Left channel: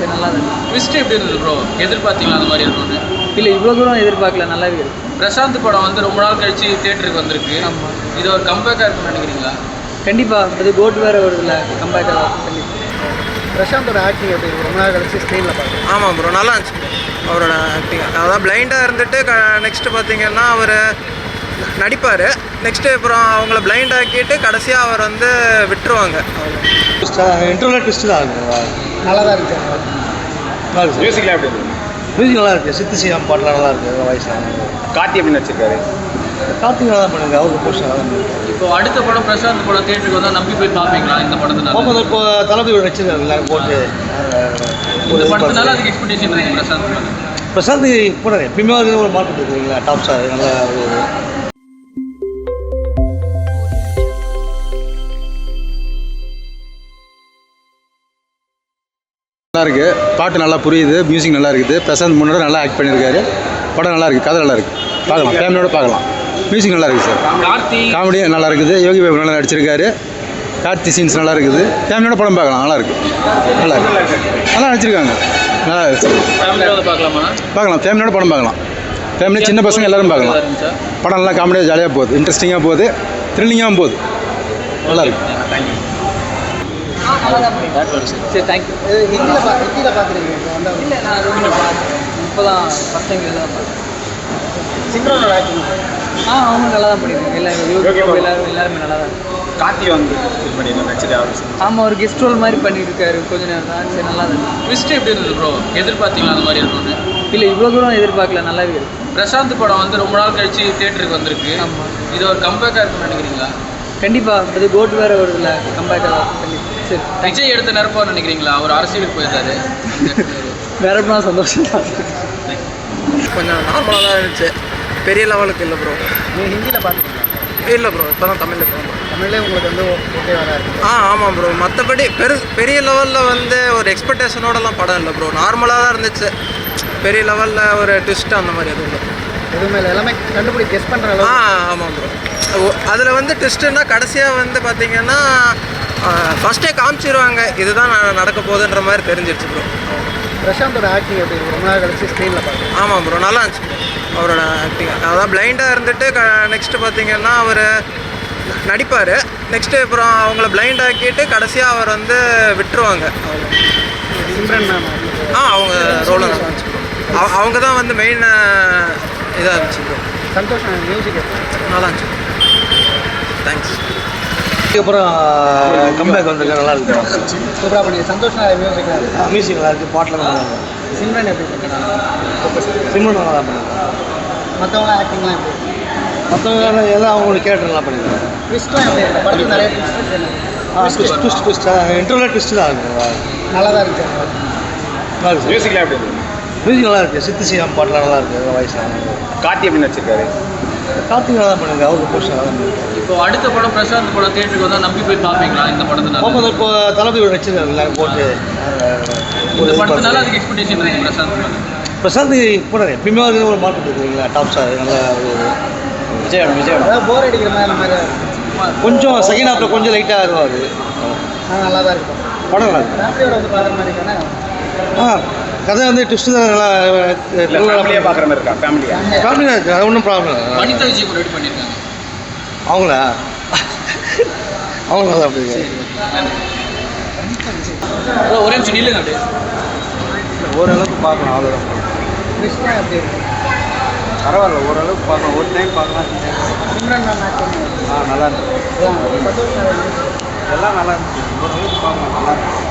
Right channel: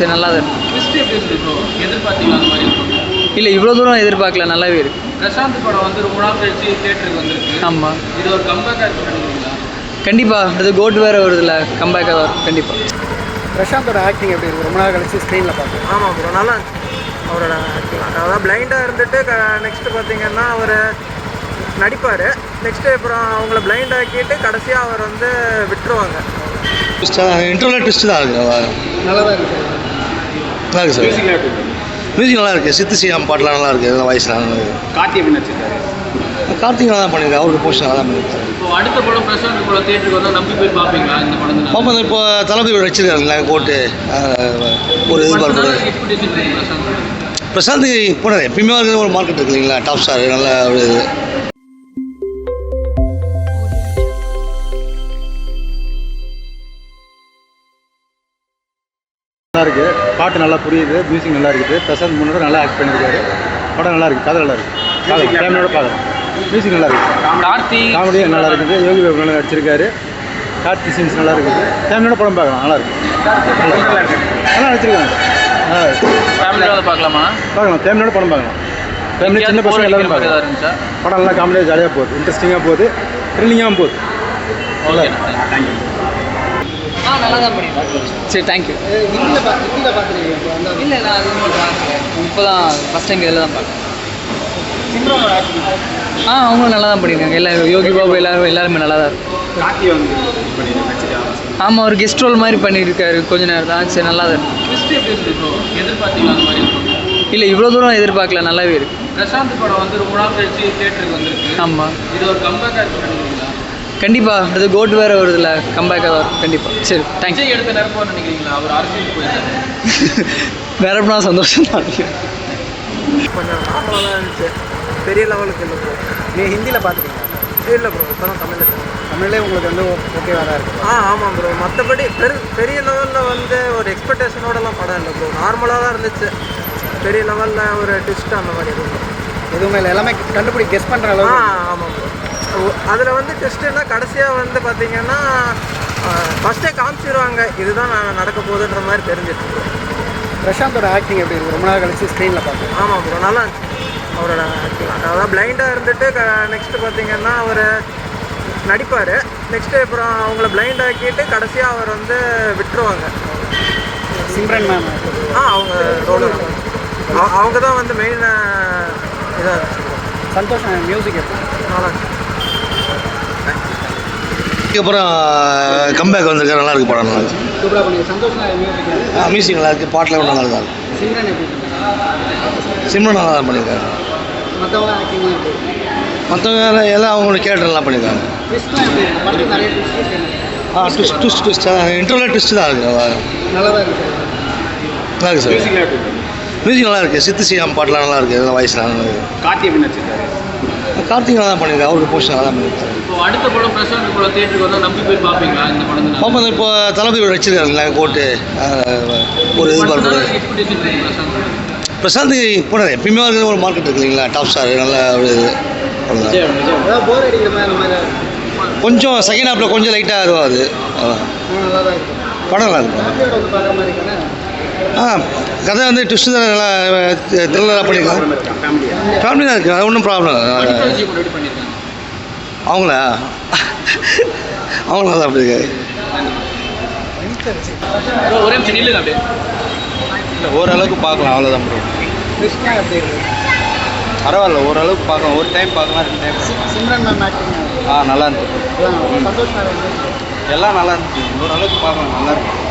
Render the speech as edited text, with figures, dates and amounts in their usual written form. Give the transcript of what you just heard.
நல்லா தான் இருக்கும். ட்விஸ்ட் எப்படி இருக்குது ப்ரோ? எதிர்பார்த்தீங்களா அந்த மாதிரி இருக்கும்? இல்லை இவ்வளோ தூரம் எதிர்பார்க்கல, நல்லாவே இருக்கு. பிரசாந்த் படம் வந்து ரொம்ப நாள் கழிச்சு தியேட்டருக்கு வந்திருக்கு. ஆமாம், இது ஒரு கம்பேக்காக இருக்குன்னு நினைக்கிறீங்களா? கண்டிப்பாக. அது கோட் வேறு வருதுல்ல, கம்பேக்காக தான் கண்டிப்பாக. பிரசாந்தோட ஆக்டிங் எப்படி இருக்குது? ரொம்ப நாள் கழிச்சு ஸ்க்ரீனில் பார்க்குறேன். ஆமாம் ப்ரோ, நல்லா இருந்துச்சு அவரோட ஆக்டிங். அதான் பிளைண்டாக இருந்துட்டு நெக்ஸ்ட்டு பார்த்தீங்கன்னா அவர் நடிப்பார். நெக்ஸ்ட்டு அப்புறம் அவங்கள பிளைண்ட் ஆக்கிட்டு கடைசியாக அவர் வந்து விட்டுருவாங்க. இன்டர்னல் ட்விஸ்ட் தான் இருக்குது. நல்லா தான் இருந்துச்சு. நல்லா இருக்குது சார். மியூசிக் நல்லா இருக்குது. சித்து ஸ்ரீராம் பாட்டெலாம் நல்லா இருக்குது. வாய்ஸ்லாம் நல்லா இருக்குது. கார்த்தி எப்படி வச்சிருக்காரு? கார்த்திக் நல்லா தான் பண்ணியிருக்காரு. அவருக்கு போஸ்ட் நல்லா இருக்குது. இப்போ அடுத்த படம் பிரசாந்த் படம் தியேட்டருக்கு வந்தால் நம்பி போய் பார்ப்பீங்களா இந்த படத்தினால? ஆமாம், இப்போ தளபதி வச்சிருக்காருல்ல கோட்டு ஒரு படத்தினால எதிர்பார்ப்பு. எக்ஸ்பெக்டேஷன் இருக்குது பிரசாந்த். பிரசாந்த் கூட எப்பயுமே இருக்கிற ஒரு மார்க்கெட் இருக்கு இல்லைங்களா, டாப் ஸ்டார். நல்லா ஒரு நல்லா இருக்குது. பாட்டு நல்லா புரியுது, மியூசிக் நல்லா இருக்குது. பிரசாந்த் முன்னாடி நல்லா ஆக்ட் பண்ணியிருக்காரு. படம் நல்லா இருக்குது, கதை நல்லா இருக்குது. ஃபேமிலியோட பார்க்கலாம். மியூசிக் நல்லா இருக்குது சார். காமெடி நல்லா இருக்குது. யோகி பாபு நல்லா நடிச்சிருக்காரு. கார்த்தி சீன்ஸ் நல்லா இருக்குது. ஃபேமிலியோட படம் பார்க்கலாம், நல்லா இருக்குது. நல்லா நடிச்சிருக்காங்க. நல்லா பார்க்கலாமா? பார்க்கலாம், ஃபேமிலியோட படம் பார்க்கலாம். ஃபேமிலி சின்ன பசங்க எல்லாரும் பார்க்கலாம். படம் நல்லா காமெடியாக ஜாலியாக போகுது, இன்ட்ரெஸ்டிங்காக போகுது, த்ரில்லிங்காகவும் போகுது. நல்லா இருக்கு. நல்லா தான் பண்ணியிருக்கேன். சரி, தேங்க்யூ. ஹிந்தியில் பார்த்துருக்கீங்க இப்போ அந்த இல்லை, நான் ரூமில் பார்க்குறேன். இப்போ தான் ஃபஸ்ட் டைம் இதில் தான் பார்க்குறேன். சிம்ரனோட ஆக்டிங் அவங்களும் நல்லா தான் பண்ணியிருக்காங்க. எல்லாரும் யோகி பாபு எல்லாருமே நல்லா தான் இருக்கும். கார்த்தி வந்து ஆமாம், ஒரு கெஸ்ட் ரோல் மாதிரி பண்ணியிருக்காரு கொஞ்ச நேரம் தான். சரி, நல்லா தான் இருக்கும். ட்விஸ்ட் எப்படி இருக்குது ப்ரோ? எதிர்பார்த்தீங்களா அந்த மாதிரி இருக்கும்? இல்லை இவ்வளோ தூரம் எதிர்பார்க்கல, நல்லாவே இருக்கு. பிரசாந்த் படம் வந்து ரொம்ப நாள் கழிச்சு தியேட்டருக்கு வந்திருக்கு. ஆமாம், இது ஒரு கம்பேக்காக இருக்குன்னு நினைக்கிறீங்களா? கண்டிப்பாக. அது கோட் வேறு வருதுல்ல, கம்பேக்காக தான் கண்டிப்பாக. சரி, தேங்க்ஸ். விஜய் எடுத்த நிரப்பா நினைக்கிறீங்களா? ஒரு அரசியலுக்கு போயிருந்தாரு. நிரப்புனா சந்தோஷம் தான். கொஞ்சம் நார்மலாக தான் இருந்துச்சு, பெரிய லெவலுக்கு இல்லை ப்ரோ. நீங்கள் ஹிந்தியில் பார்த்துருக்கீங்க? இல்லை ப்ரோ, இப்போ தான் தமிழில் போகணும். தமிழ்லேயே உங்களுக்கு வந்து ஓகேவாக தான் இருக்குது. ஆமாம் ப்ரோ. மற்றபடி பெரிய லெவலில் வந்து ஒரு எக்ஸ்பெக்டேஷனோடலாம் படம் இல்லை ப்ரோ. நார்மலாக தான் இருந்துச்சு. பெரிய லெவலில் ஒரு ட்விஸ்ட் அந்த மாதிரி எதுவும் இல்லை. எதுவுமே இல்லை, எல்லாமே கெஸ் பண்ணுற அளவு. ஆமாம் ப்ரோ. அதில் வந்து ட்விஸ்ட்டுன்னா கடைசியாக வந்து பார்த்தீங்கன்னா ஃபஸ்ட்டே காமிச்சிருவாங்க இதுதான் நடக்க போகுதுன்ற மாதிரி தெரிஞ்சிடுச்சு ப்ரோ. பிரசாந்தோட ஆக்டிங் எப்படி இருக்குது? ரொம்ப நாள் கழிச்சு ஸ்க்ரீனில் பார்க்குறேன். ஆமாம் ப்ரோ, நல்லா இருந்துச்சு அவரோட ஆக்டிங். அதான் பிளைண்டாக இருந்துட்டு நெக்ஸ்ட்டு பார்த்தீங்கன்னா அவர் நடிப்பார். நெக்ஸ்ட்டு அப்புறம் அவங்கள பிளைண்ட் ஆக்கிட்டு கடைசியாக அவர் வந்து விட்டுருவாங்க. சிம்ரன் மேம் அவங்க ரோல் அவங்க தான் வந்து மெயின் இதாக இருந்துச்சு ப்ரோ. சந்தோஷ் மியூசிக் நல்லா இருந்துச்சு. தேங்க்ஸ். அதுக்கப்புறம் கம்பேக் வந்திருக்கா, நல்லா இருக்கு. படம் நல்லா இருக்கு. சூப்பராக பண்ணி சந்தோஷ் மியூசிக். மியூசிக் நல்லா இருக்குது. பாட்டெலாம் நல்லா இருக்கு. சிம்ரன் எப்படி பண்ணிருக்காங்க? சினிமா நல்லா தான் பண்ணியிருக்காங்க. மற்றவங்கள ஆக்டிங்லாம் எப்படி இருக்குது? மற்றவங்க எல்லாம் அவங்களோட கேரக்டர் நல்லா பண்ணியிருக்காங்க. ட்விஸ்ட்லாம் எப்படி இருக்குது? படத்தில் நிறைய ட்விஸ்ட் இன்டர்னல் ட்விஸ்ட் தான் இருக்குது. நல்லா தான் இருந்துச்சு. நல்லா இருக்குது சார். மியூசிக் நல்லா இருக்குது. சித்து ஸ்ரீராம் பாட்டெலாம் நல்லா இருக்குது. வாய்ஸ்லாம் நல்லா இருக்குது. கார்த்தி எப்படி வச்சிருக்காரு? கார்த்திக் நல்லா தான் பண்ணியிருக்காரு. அவருக்கு போஸ்ட் நல்லா தான் பண்ணியிருக்காரு. இப்போ அடுத்த படம் பிரசாந்த் படம் தியேட்டருக்கு வந்தால் நம்பி போய் பார்ப்பீங்களா இந்த படத்தினால? ஆமாம், இப்போ தளபதி வச்சிருக்காருல்ல கோட்டு ஒரு படத்தினால எதிர்பார்ப்பு. எக்ஸ்பெக்டேஷன் இருக்குது பிரசாந்த். பிரசாந்த் கூட எப்பயுமே இருக்கிற ஒரு மார்க்கெட் இருக்கு இல்லைங்களா, டாப் ஸ்டார். நல்லா ஒரு ஏதாவது போர் அடிக்கிற மாதிரி அந்த மாதிரி கொஞ்சம் செகண்ட் ஹாஃபில் கொஞ்சம் லைட்டாக வருவாது. நல்லா தான் இருக்கும். படம் நல்லா இருக்கு. ஃபேமிலியோட வந்து பார்க்குற மாதிரி இருக்கானே. கதை வந்து ட்விஸ்ட் தான் நல்லா நல்லா பண்ணியிருக்காங்க. ஃபேமிலி தான் இருக்குது, அது ஒன்றும் ப்ராப்ளம் இல்லை. அடுத்த விஷயம் கூட எடுத்து பண்ணியிருக்காங்க. அவங்களா அவங்க நல்லா பண்ணியிருக்காரு. ப்ரோ ஒரே நிமிஷம் நில்லுங்க அப்படியே. இல்லை, ஓரளவுக்கு பார்க்கலாம், அவ்வளோதான். ட்விஸ்ட்லாம் எப்படி இருக்குது? பரவாயில்ல, ஓரளவுக்கு பார்க்கலாம். ஒரு டைம் பார்க்கலாம், 2 டைம். சிம்ரன் மேம் ஆக்டிங் நல்லா இருந்துச்சு. சந்தோஷ் எல்லாம் நல்லா இருந்துச்சு. ஓரளவுக்கு பார்க்கலாம், நல்லா இருக்கு.